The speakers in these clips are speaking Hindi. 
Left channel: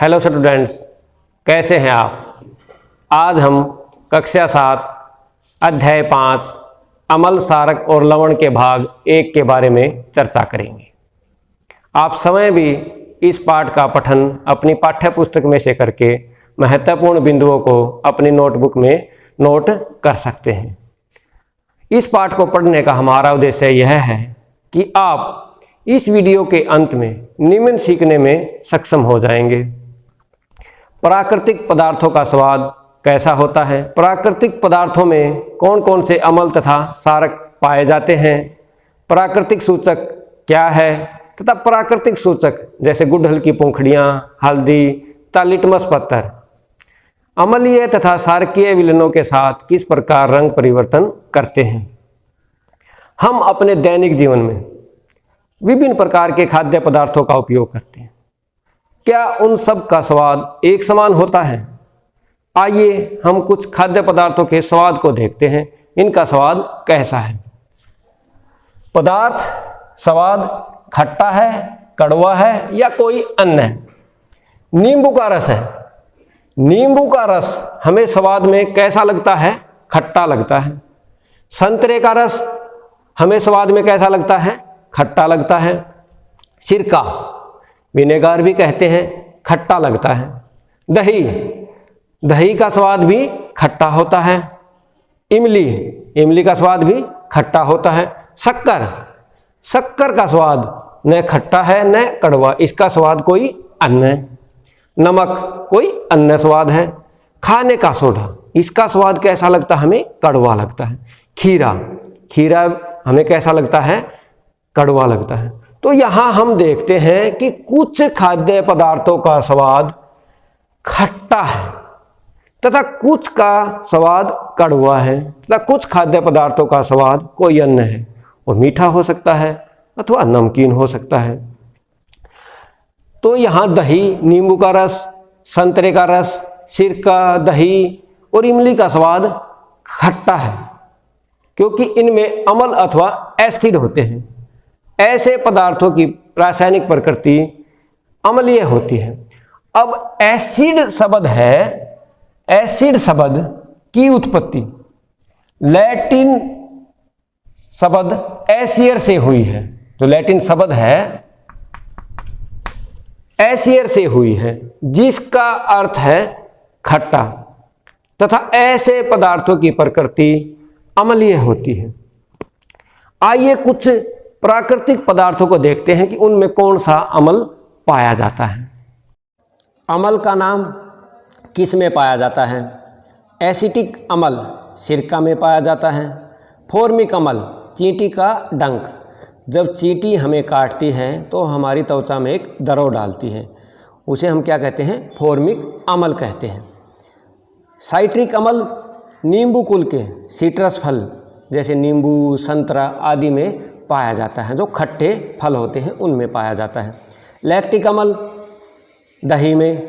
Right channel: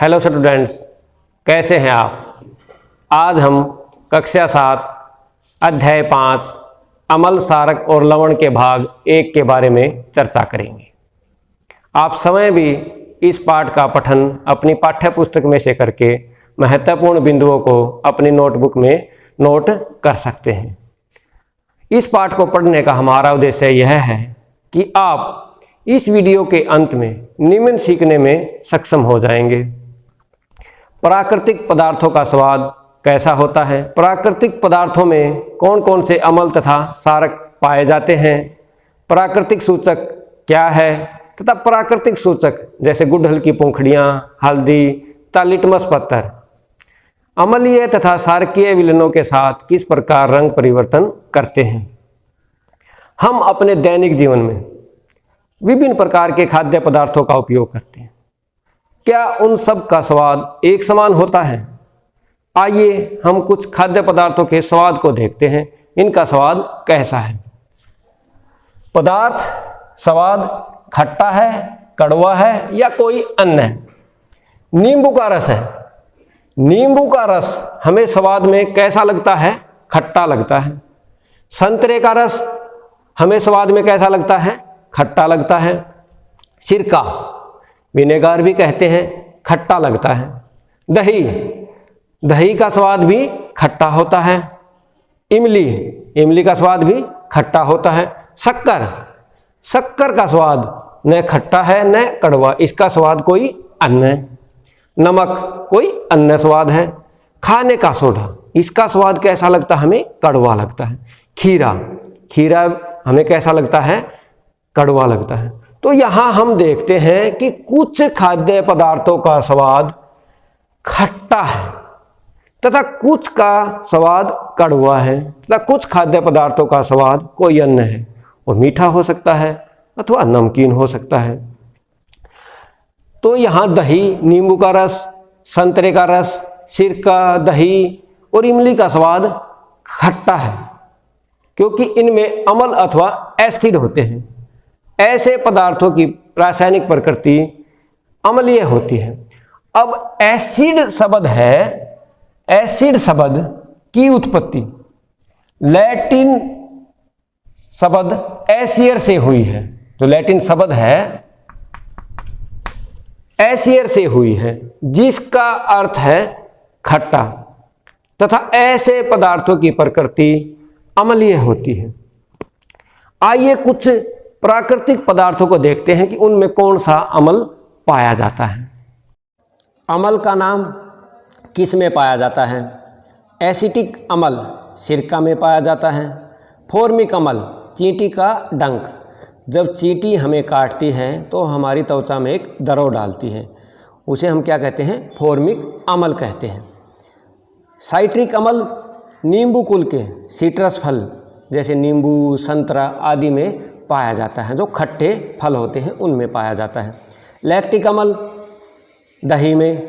हेलो स्टूडेंट्स, कैसे हैं आप। आज हम कक्षा 7 अध्याय 5 अम्ल, सारक और लवण के भाग 1 के बारे में चर्चा करेंगे। आप स्वयं भी इस पाठ का पठन अपनी पाठ्य पुस्तक में से करके महत्वपूर्ण बिंदुओं को अपनी नोटबुक में नोट कर सकते हैं। इस पाठ को पढ़ने का हमारा उद्देश्य यह है कि आप इस वीडियो के अंत में निम्न सीखने में सक्षम हो जाएंगे। प्राकृतिक पदार्थों का स्वाद कैसा होता है, प्राकृतिक पदार्थों में कौन कौन से अम्ल तथा सारक पाए जाते हैं, प्राकृतिक सूचक क्या है तथा प्राकृतिक सूचक जैसे गुड़हल की पंखुड़ियाँ, हल्दी तथा लिटमस पत्थर अम्लीय तथा सारकीय विलयनों के साथ किस प्रकार रंग परिवर्तन करते हैं। हम अपने दैनिक जीवन में विभिन्न प्रकार के खाद्य पदार्थों का उपयोग करते हैं। क्या उन सब का स्वाद एक समान होता है? आइए हम कुछ खाद्य पदार्थों के स्वाद को देखते हैं। इनका स्वाद कैसा है। पदार्थ स्वाद खट्टा है, कड़वा है या कोई अन्य है। नींबू का रस है। नींबू का रस हमें स्वाद में कैसा लगता है? खट्टा लगता है। संतरे का रस हमें स्वाद में कैसा लगता है? खट्टा लगता है। सिरका, विनेगर भी कहते हैं, खट्टा लगता है। दही, दही का स्वाद भी खट्टा होता है। इमली, इमली का स्वाद भी खट्टा होता है। शक्कर, शक्कर का स्वाद न खट्टा है न कड़वा, इसका स्वाद कोई अन्य है। नमक कोई अन्य स्वाद है। खाने का सोडा, इसका स्वाद कैसा लगता है? हमें कड़वा लगता है। खीरा, खीरा हमें कैसा लगता है? कड़वा लगता है। तो यहाँ हम देखते हैं कि कुछ खाद्य पदार्थों का स्वाद खट्टा है तथा कुछ का स्वाद कड़वा है तथा कुछ खाद्य पदार्थों का स्वाद कोई अन्य है। वो मीठा हो सकता है अथवा नमकीन हो सकता है। तो यहाँ दही, नींबू का रस, संतरे का रस, सिरका, दही और इमली का स्वाद खट्टा है क्योंकि इनमें अम्ल अथवा एसिड होते हैं। ऐसे पदार्थों की रासायनिक प्रकृति अम्लीय होती है। अब एसिड शब्द है, एसिड शब्द की उत्पत्ति लैटिन शब्द एसियर से हुई है। तो लैटिन शब्द है एसियर से हुई है जिसका अर्थ है खट्टा तथा ऐसे पदार्थों की प्रकृति अम्लीय होती है। आइए कुछ प्राकृतिक पदार्थों को देखते हैं कि उनमें कौन सा अम्ल पाया जाता है। अम्ल का नाम किस में पाया जाता है? एसिटिक अम्ल सिरका में पाया जाता है। फॉर्मिक अम्ल चींटी का डंक, जब चींटी हमें काटती है तो हमारी त्वचा में एक दरार डालती है, उसे हम क्या कहते हैं? फॉर्मिक अम्ल कहते हैं। साइट्रिक अम्ल नींबू कुल के सिट्रस फल जैसे नींबू, संतरा आदि में पाया जाता है, जो खट्टे फल होते हैं उनमें पाया जाता है। लैक्टिक अम्ल दही में।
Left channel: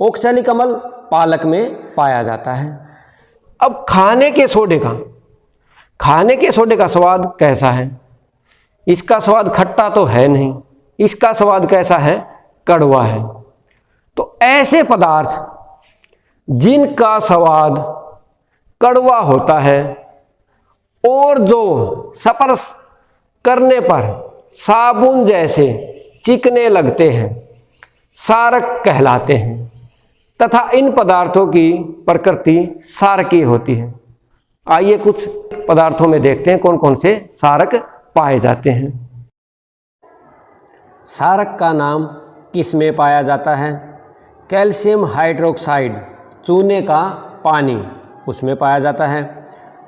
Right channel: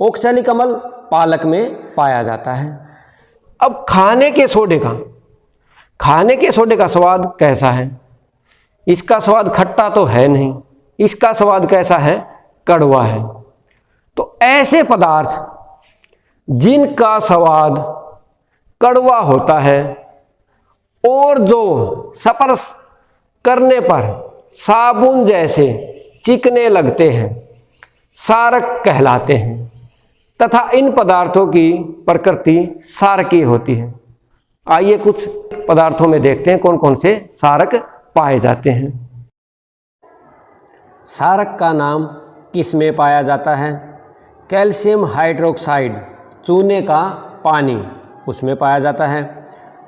ऑक्सैलिक अम्ल पालक में पाया जाता है। अब खाने के सोडे का स्वाद कैसा है? इसका स्वाद खट्टा तो है नहीं, इसका स्वाद कैसा है? कड़वा है। तो ऐसे पदार्थ जिनका स्वाद कड़वा होता है और जो स्पर्श करने पर साबुन जैसे चिकने लगते हैं, सारक कहलाते हैं तथा इन पदार्थों की प्रकृति सारकीय होती है। आइए कुछ पदार्थों में देखते हैं कौन कौन से सारक पाए जाते हैं। सारक का नाम किस में पाया जाता है? कैल्शियम हाइड्रोक्साइड, चूने का पानी, उसमें पाया जाता है।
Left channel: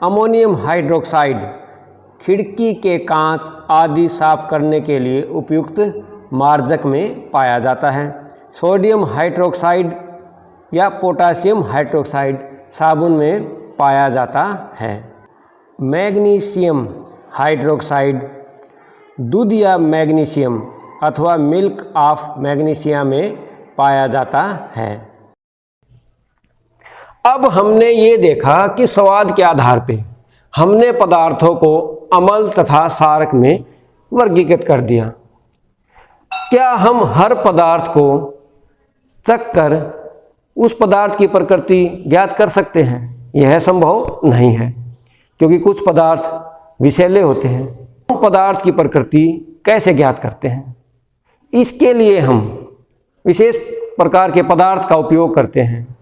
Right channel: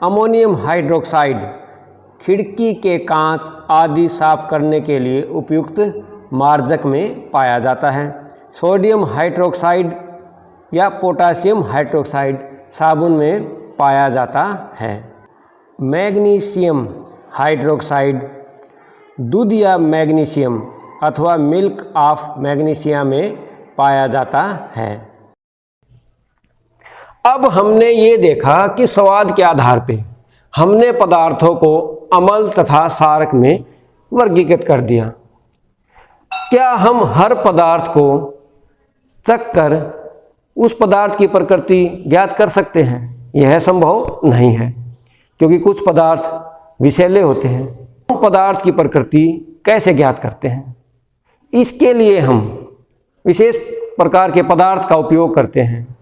अमोनियम हाइड्रोक्साइड, खिड़की के कांच आदि साफ करने के लिए उपयुक्त मार्जक में पाया जाता है। सोडियम हाइड्रोक्साइड या पोटासियम हाइड्रोक्साइड साबुन में पाया जाता है। मैग्नीशियम हाइड्रोक्साइड दूध या मैग्नीशियम अथवा मिल्क ऑफ मैग्नीशिया में पाया जाता है। अब हमने ये देखा कि स्वाद के आधार पे हमने पदार्थों को अम्ल तथा सारक में वर्गीकृत कर दिया। क्या हम हर पदार्थ को चख कर उस पदार्थ की प्रकृति ज्ञात कर सकते हैं? यह संभव नहीं है, क्योंकि कुछ पदार्थ विषैले होते हैं। उन पदार्थ की प्रकृति कैसे ज्ञात करते हैं? इसके लिए हम विशेष प्रकार के पदार्थ का उपयोग करते हैं,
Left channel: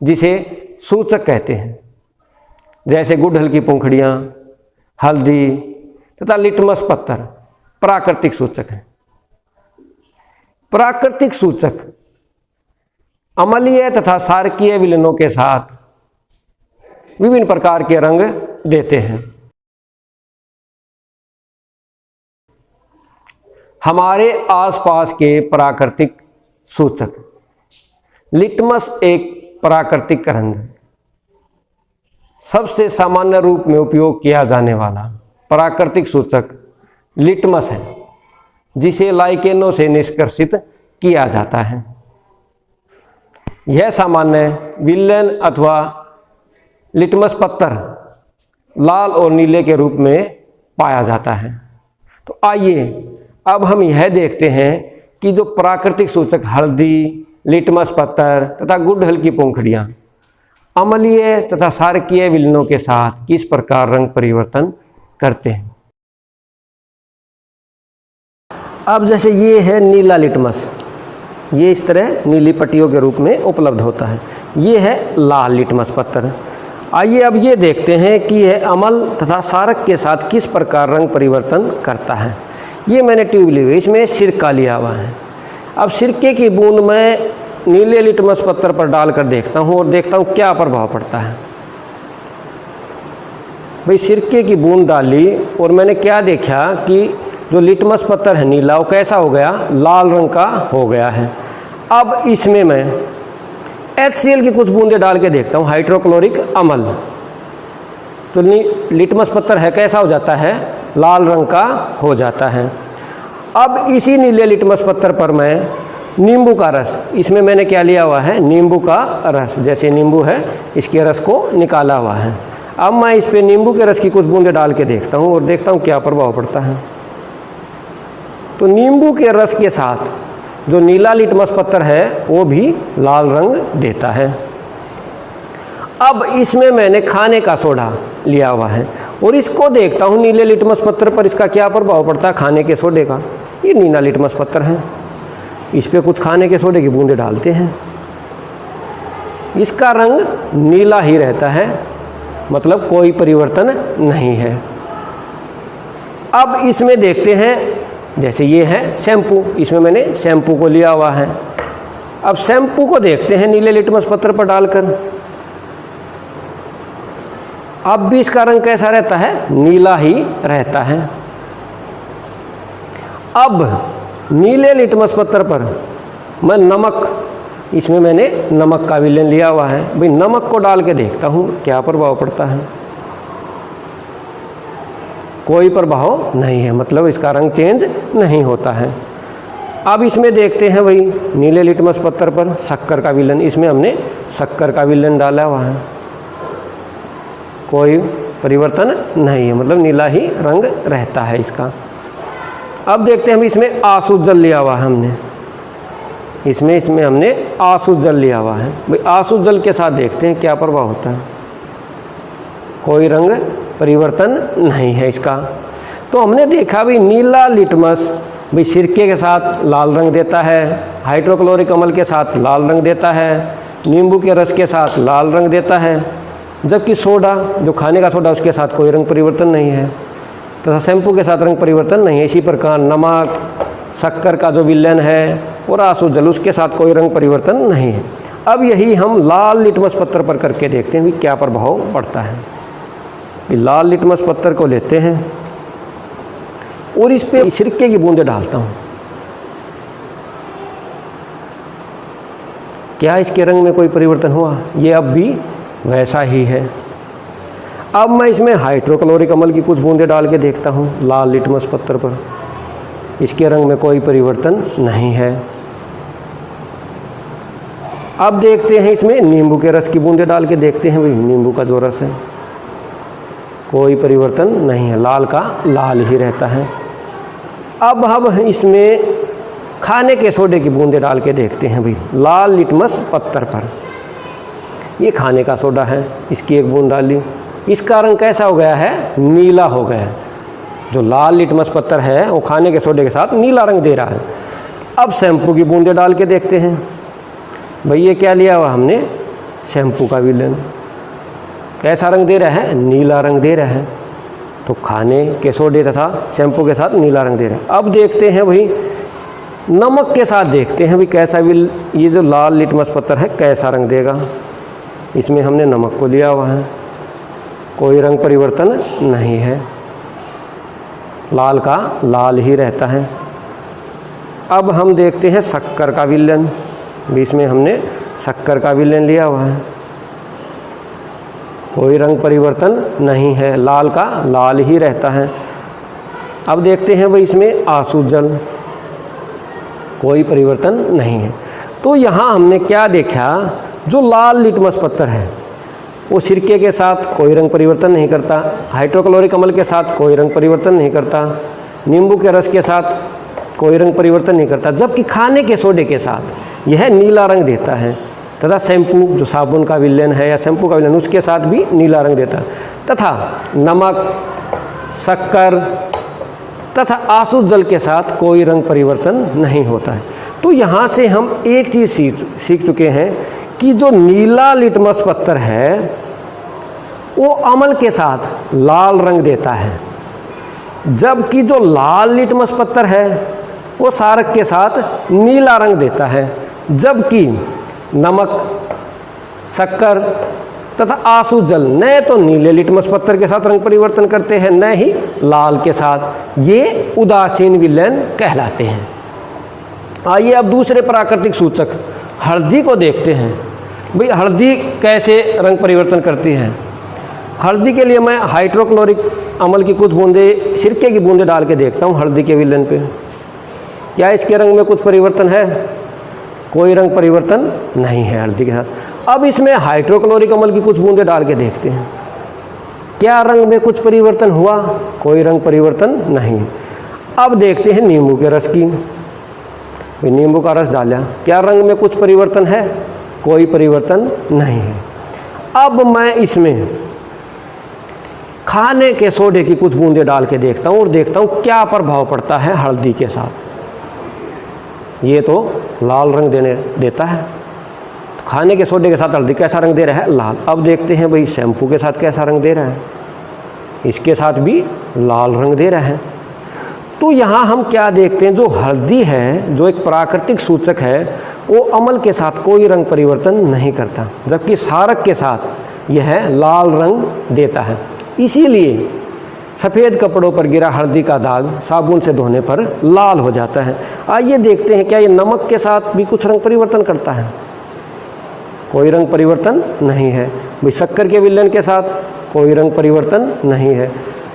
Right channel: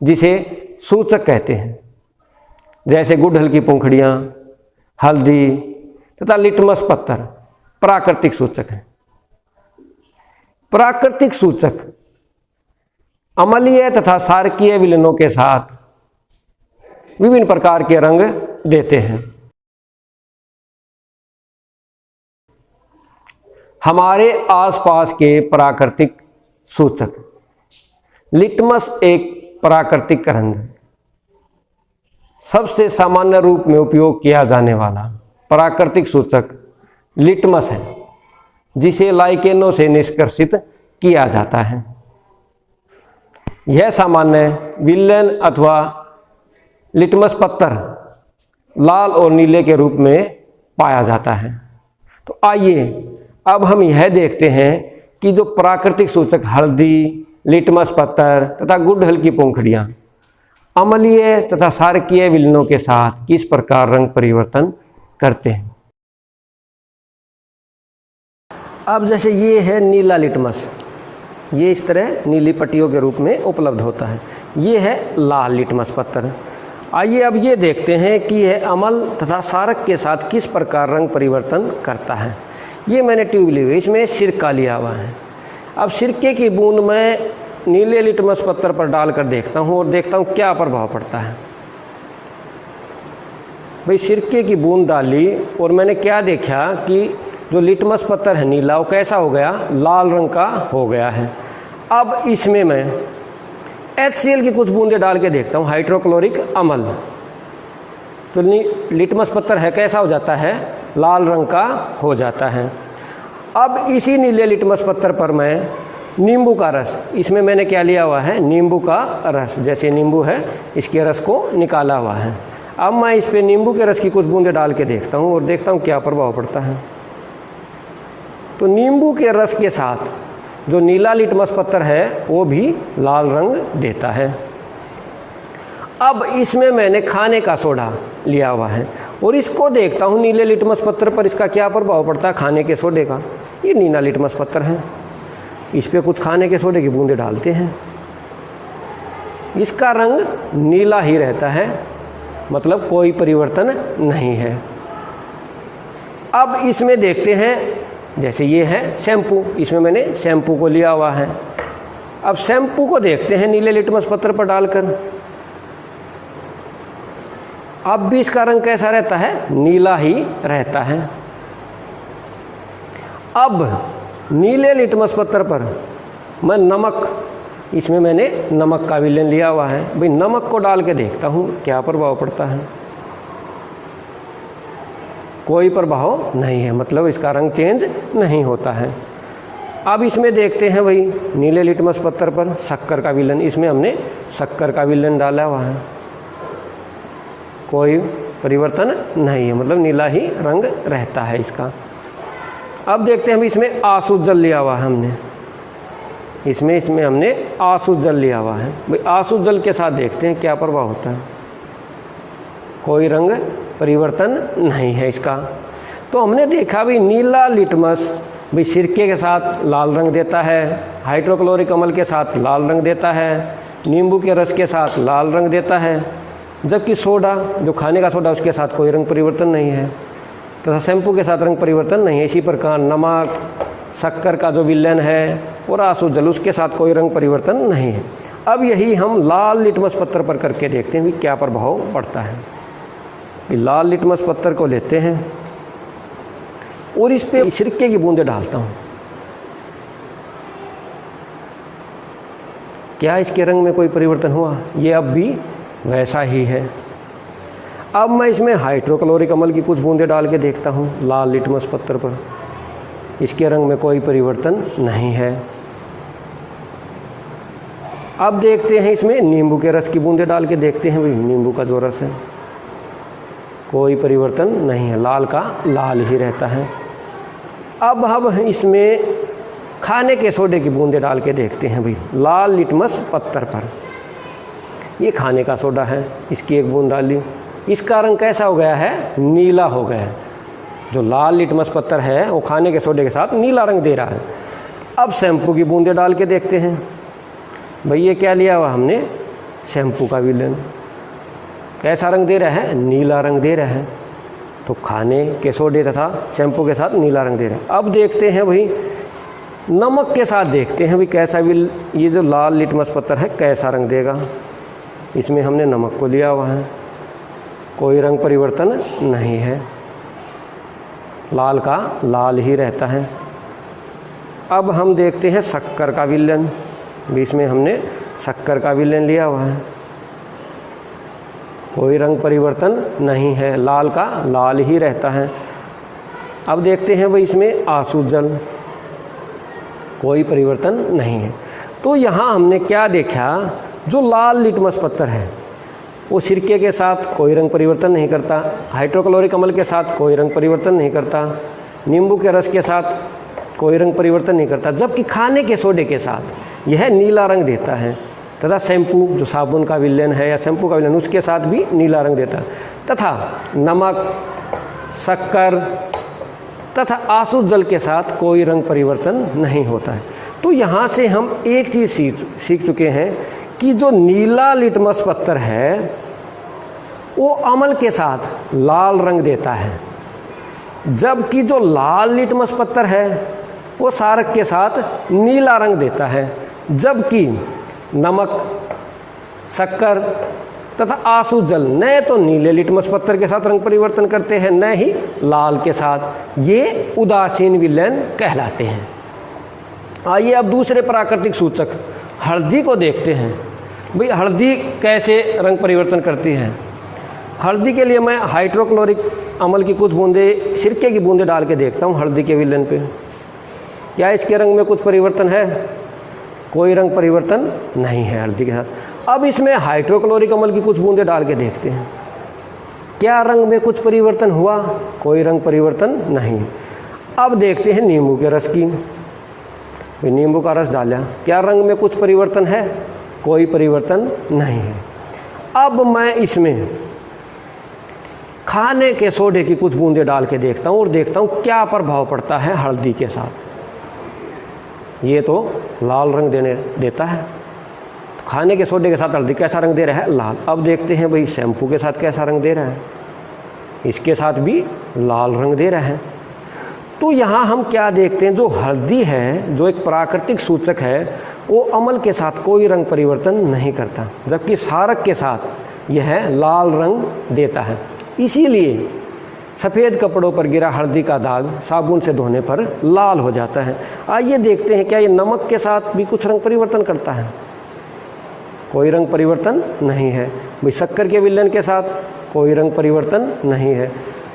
जिसे सूचक कहते हैं, जैसे गुड़हल की पंखुड़ियाँ, हल्दी तथा लिटमस पत्थर प्राकृतिक सूचक हैं। प्राकृतिक सूचक अम्लीय तथा क्षारकीय विलयनों के साथ विभिन्न प्रकार के रंग देते हैं। हमारे आसपास के प्राकृतिक सूचक, लिटमस एक प्राकृतिक रंग, सबसे सामान्य रूप में उपयोग किया जाने वाला प्राकृतिक सूचक लिटमस है, जिसे लाइकेनों से निष्कर्षित किया जाता है। यह सामान्य विलयन अथवा लिटमस पत्थर लाल और नीले के रूप में पाया जाता है। तो आइए अब हम यह देखते हैं कि जो प्राकृतिक सूचक हल्दी, लिटमस पत्थर तथा गुड़हल की पंखुड़ियाँ अम्लीय तथा क्षारकीय विलयनों के साथ किस प्रकार रंग परिवर्तन करते हैं। अब जैसे ये है नीला लिटमस, ये इस तरह नीली पट्टियों के रूप में उपलब्ध होता है। ये है लाल लिटमस पत्थर। आइए अब ये देखते हैं कि यह अम्ल तथा क्षारक के साथ किस प्रकार रंग परिवर्तन करता है। ये मैंने ट्यूब ली हुई, इसमें सिरका लिया हुआ है। अब सिरके की बूंद मैं नीले लिटमस पत्थर पर डालकर देखता हूँ और देखता हूँ क्या प्रभाव पड़ता है। भाई सिरके की बूंद डाली और मैंने क्या देखा कि जो लिटमस पत्थर है नीला, वो कैसा हो गया? लाल रंग का हो गया है। अब इसमें मैं HCl की कुछ बूंदें डाल के देखता हूँ, हाइड्रोक्लोरिक अम्ल, तो लिटमस पत्थर है कैसा हो जाता है? लाल रंग का हो जाता है। अब इसी नीले लिटमस पत्थर पर मैं नींबू का रस, इसमें मैंने क्या लिया हुआ है? नींबू का रस, जैसे नींबू है इसके रस को निकाला हुआ है। अब मैं इस पे नींबू के रस की कुछ बूंदें डाल के देखता हूँ और देखता हूँ क्या प्रभाव पड़ता है। तो नींबू के रस के साथ जो नीला लिटमस पत्थर है वो भी लाल रंग देता है। अब इसमें मैंने खाने का सोडा लिया हुआ है और इसको देखता हूँ नीले लिटमस पत्थर पर इसका क्या प्रभाव पड़ता है खाने के सोडे का। ये नीला लिटमस पत्थर है, इस पे कुछ खाने के सोडे की बूंदें डालते हैं, इसका रंग नीला ही रहता है, मतलब कोई परिवर्तन नहीं है। अब इसमें देखते हैं, जैसे ये है शैम्पू, इसमें मैंने शैम्पू को लिया हुआ है। अब शैम्पू को देखते हैं नीले लिटमस पत्थर पर डालकर, अब भी इसका रंग कैसा रहता है? नीला ही रहता है। अब नीले लिटमस पत्थर पर मैं नमक, इसमें मैंने नमक का विलयन लिया हुआ है, भाई नमक को डाल के देखता हूँ क्या प्रभाव पड़ता है। कोई प्रभाव नहीं है, मतलब इसका रंग चेंज नहीं होता है। अब इसमें देखते हैं वही नीले लिटमस पत्थर पर शक्कर का विलयन, इसमें हमने शक्कर का विलयन डाला हुआ है, कोई परिवर्तन नहीं है, मतलब नीला ही रंग रहता है इसका। अब देखते हैं हम इसमें आंसू जल लिया हुआ है हमने, इसमें हमने आंसू जल लिया हुआ है, भाई आंसू जल के साथ देखते हैं क्या प्रभाव होता है। कोई रंग परिवर्तन नहीं है इसका। तो हमने देखा भी नीला लिटमस भी सिरके के साथ लाल रंग देता है, हाइड्रोक्लोरिक अम्ल के साथ लाल रंग देता है, नींबू के रस के साथ लाल रंग देता है, जबकि सोडा जो खाने का सोडा उसके साथ कोई रंग परिवर्तन नहीं है, तथा शैम्पू के साथ रंग परिवर्तन नहीं है। इसी प्रकार नमक, शक्कर का जो विलयन है और आंसू जल, उसके साथ कोई रंग परिवर्तन नहीं है। अब यही हम लाल लिटमस पत्थर पर करके देखते हैं भी क्या प्रभाव पड़ता है। लाल लिटमस पत्थर को लेते हैं और इस पे सिरके की बूंदें डालता हूँ, क्या इसके रंग में कोई परिवर्तन हुआ? ये अब भी वैसा ही है। अब मैं इसमें हाइड्रोक्लोरिक अम्ल की कुछ बूंदें डाल के देखता हूँ लाल लिटमस पत्थर पर, इसके रंग में कोई परिवर्तन नहीं है। अब देखते हैं इसमें नींबू के रस की बूंदें डाल के देखते हैं, भाई नींबू का जो रस है कोई परिवर्तन नहीं है, लाल का लाल ही रहता है। अब हम इसमें खाने के सोडे की बूंदें डाल के देखते हैं भाई लाल लिटमस पत्थर पर। ये खाने का सोडा है, इसकी एक बूंद डाली, इसका रंग कैसा हो गया है? नीला हो गया है। जो लाल लिटमस पत्थर है वो खाने के सोडे के साथ नीला रंग दे रहा है। अब शैम्पू की बूंदें डाल के देखते हैं भाई ये क्या लिया हुआ हमने? शैम्पू का विलेन। कैसा रंग दे रहा है? नीला रंग दे रहा है। तो खाने के सोडे तथा शैम्पू के साथ नीला रंग दे रहे हैं। अब देखते हैं भाई नमक के साथ देखते हैं भाई कैसा ये जो लाल लिटमस पत्थर है कैसा रंग देगा। इसमें हमने नमक को लिया हुआ है, कोई रंग परिवर्तन नहीं है, लाल का लाल ही रहता है। अब हम देखते हैं शक्कर का विलेन। बीच में हमने शक्कर का विलेन लिया हुआ है, कोई रंग परिवर्तन नहीं है, लाल का लाल ही रहता है। अब देखते हैं भाई इसमें आंसू जल, कोई परिवर्तन नहीं है। तो यहाँ हमने क्या देखा? जो लाल लिटमस पत्थर है वो सिरके के साथ कोई रंग परिवर्तन नहीं करता, हाइड्रोक्लोरिक अम्ल के साथ कोई रंग परिवर्तन नहीं करता, नींबू के रस के साथ कोई रंग परिवर्तन नहीं करता, जबकि खाने के सोडे के साथ यह नीला रंग देता है। तथा शैम्पू जो साबुन का विलेन है या शैम्पू का विलेन उसके साथ भी नीला रंग देता है। तथा नमक, शक्कर तथा आंसू जल के साथ कोई रंग परिवर्तन नहीं होता है। तो यहाँ से हम एक चीज़ सीख चुके हैं कि जो नीला लिटमस पत्थर है वो अम्ल के साथ लाल रंग देता है, जबकि जो लाल लिटमस पत्थर है वो क्षारक के साथ नीला रंग देता है, जबकि नमक, शक्कर तथा आंसू जल न तो नीले लिटमस पत्थर के साथ रंग परिवर्तन करते हैं न ही लाल के साथ। ये उदासीन विलेन कहलाते हैं। आइए अब दूसरे प्राकृतिक सूचक हल्दी को देखते हैं। भाई हल्दी कैसे रंग परिवर्तन करती है? हल्दी के लिए मैं हाइड्रोक्लोरिक अम्ल की कुछ बूंदें, सिरके की बूंदें डाल के देखता हूँ हल्दी के विलेन पे। क्या इसके रंग में कुछ परिवर्तन है? कोई रंग परिवर्तन नहीं है हल्दी के साथ। अब इसमें हाइड्रोक्लोरिक अम्ल की कुछ बूंदें डाल के देखते हैं, क्या रंग में कुछ परिवर्तन हुआ? कोई रंग परिवर्तन नहीं। अब देखते हैं नींबू के रस की। नींबू का रस डाला, क्या रंग में कुछ परिवर्तन है? कोई परिवर्तन नहीं है। अब मैं इसमें खाने के सोडे की कुछ बूंदें डाल के देखता हूँ और देखता हूँ क्या प्रभाव पड़ता है हल्दी के साथ। ये तो लाल रंग देता है। खाने के सोडे के साथ हल्दी कैसा रंग दे रहा है? लाल। अब देखते हैं भाई शैम्पू के साथ कैसा रंग दे रहा है? इसके साथ भी लाल रंग दे रहा है। तो यहाँ हम क्या देखते हैं? जो हल्दी है जो एक प्राकृतिक सूचक है वो अम्ल के साथ कोई रंग परिवर्तन नहीं करता, जबकि क्षारक के साथ यह लाल रंग देता है। इसीलिए सफ़ेद कपड़ों पर गिरा हल्दी का दाग साबुन से धोने पर लाल हो जाता है। आइए देखते हैं क्या ये नमक के साथ भी कुछ रंग परिवर्तन करता है? कोई रंग परिवर्तन नहीं है। भाई शक्कर के विलेन के साथ कोई रंग परिवर्तन नहीं है।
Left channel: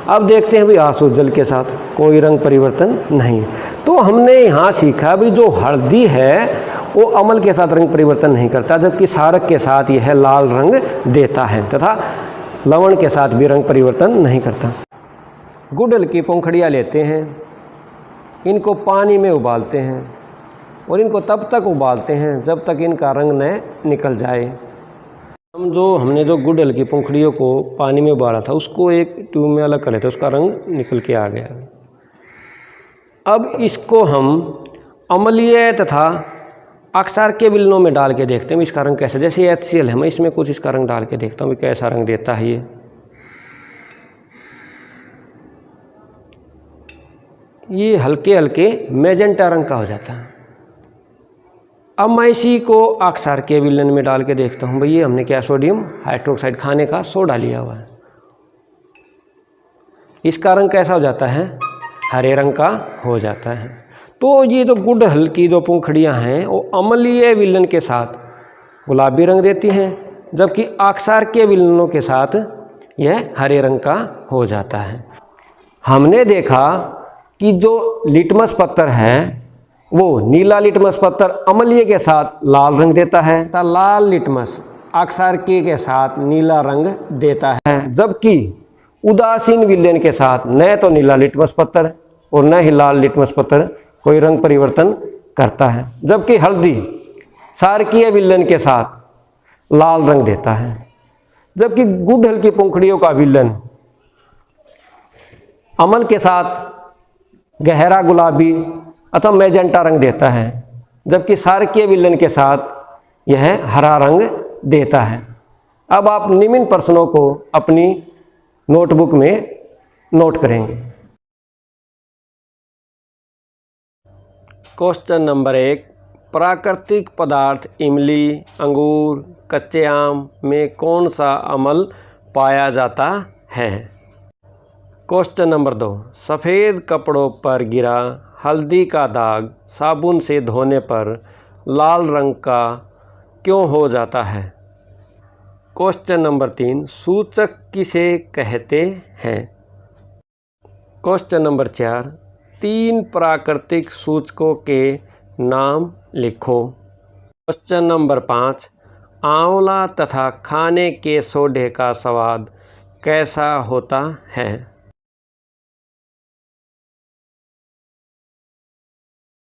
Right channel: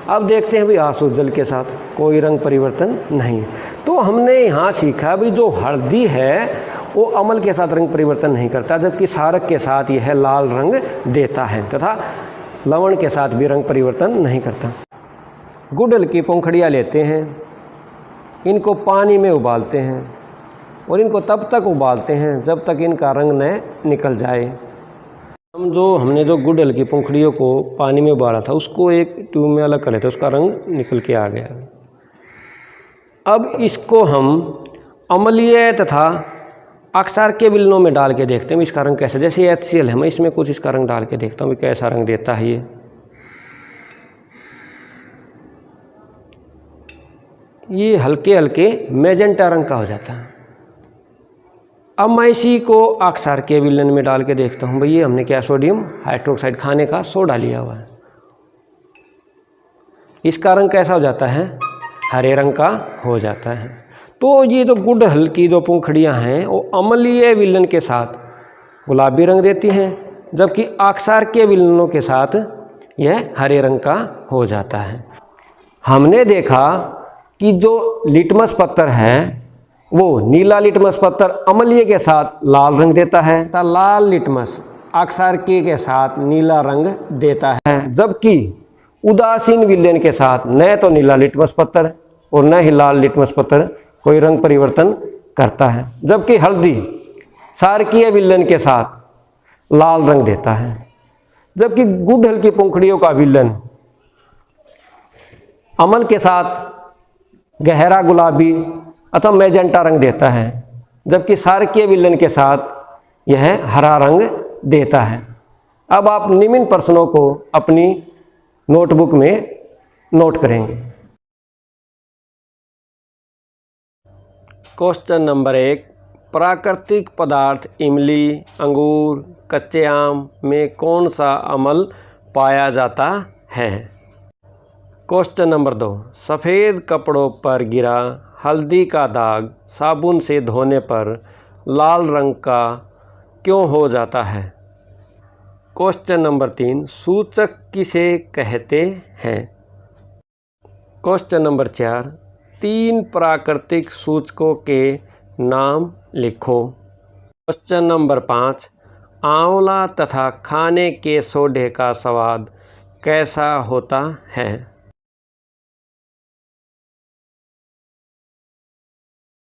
अब देखते हैं भाई आंसू जल के साथ कोई रंग परिवर्तन नहीं। तो हमने यहाँ सीखा भी जो हल्दी है वो अम्ल के साथ रंग परिवर्तन नहीं करता, जबकि क्षारक के साथ यह लाल रंग देता है तथा लवण के साथ भी रंग परिवर्तन नहीं करता। गुड़हल की पंखुड़ियाँ लेते हैं, इनको पानी में उबालते हैं और इनको तब तक उबालते हैं जब तक इनका रंग न निकल जाए। हमने जो गुड़हल की पंखुड़ियों को पानी में उबाला था उसको एक ट्यूब में अलग कर लेते, उसका रंग निकल के आ गया। अब इसको हम अम्लीय तथा अक्षार के विलनों में डाल के देखते हैं इसका रंग कैसा। जैसे HCl है, मैं इसमें कुछ इसका रंग डाल के देखता हूँ कैसा रंग देता है ये हल्के हल्के मैजेंटा रंग का हो जाता है। अब मैं इसी को अक्षार के विलेन में डाल के देखता हूँ। भाई ये हमने क्या सोडियम हाइड्रोक्साइड खाने का सोडा लिया हुआ है, इसका रंग कैसा हो जाता है? हरे रंग का हो जाता है। तो ये जो गुड़हल की जो पंखुड़ियाँ हैं वो अम्लीय विलेन के साथ गुलाबी रंग देती हैं, जबकि अक्षार के विलेनों के साथ यह हरे रंग का हो जाता है। हमने देखा कि जो लिटमस पत्थर है वो नीला लिटमस पत्थर अम्लीय के साथ लाल रंग देता है, लाल लिटमस अक्षार के साथ नीला रंग देता है, जबकि उदासीन विलेन के साथ न तो नीला लिटमस पत्थर और न ही लाल लिटमस पत्थर कोई रंग परिवर्तन करता है, जबकि हल्दी क्षारकीय विलयन के साथ लाल रंग देता है, जबकि गुड़हल की पंखुड़ियों का विलयन अम्ल के साथ गहरा गुलाबी अथवा मैजेंटा रंग देता है, जबकि क्षारकीय विलयन के साथ यह हरा रंग देता है। अब आप निम्न प्रश्नों को अपनी नोटबुक में नोट करेंगे। क्वेश्चन नंबर 1, प्राकृतिक पदार्थ इमली, अंगूर, कच्चे आम में कौन सा अम्ल पाया जाता है? क्वेश्चन नंबर 2, सफ़ेद कपड़ों पर गिरा हल्दी का दाग साबुन से धोने पर लाल रंग का क्यों हो जाता है? क्वेश्चन नंबर 3, सूचक किसे कहते हैं? क्वेश्चन नंबर 4, 3 प्राकृतिक सूचकों के नाम लिखो। क्वेश्चन नंबर 5, आंवला तथा खाने के सोडे का स्वाद कैसा होता है?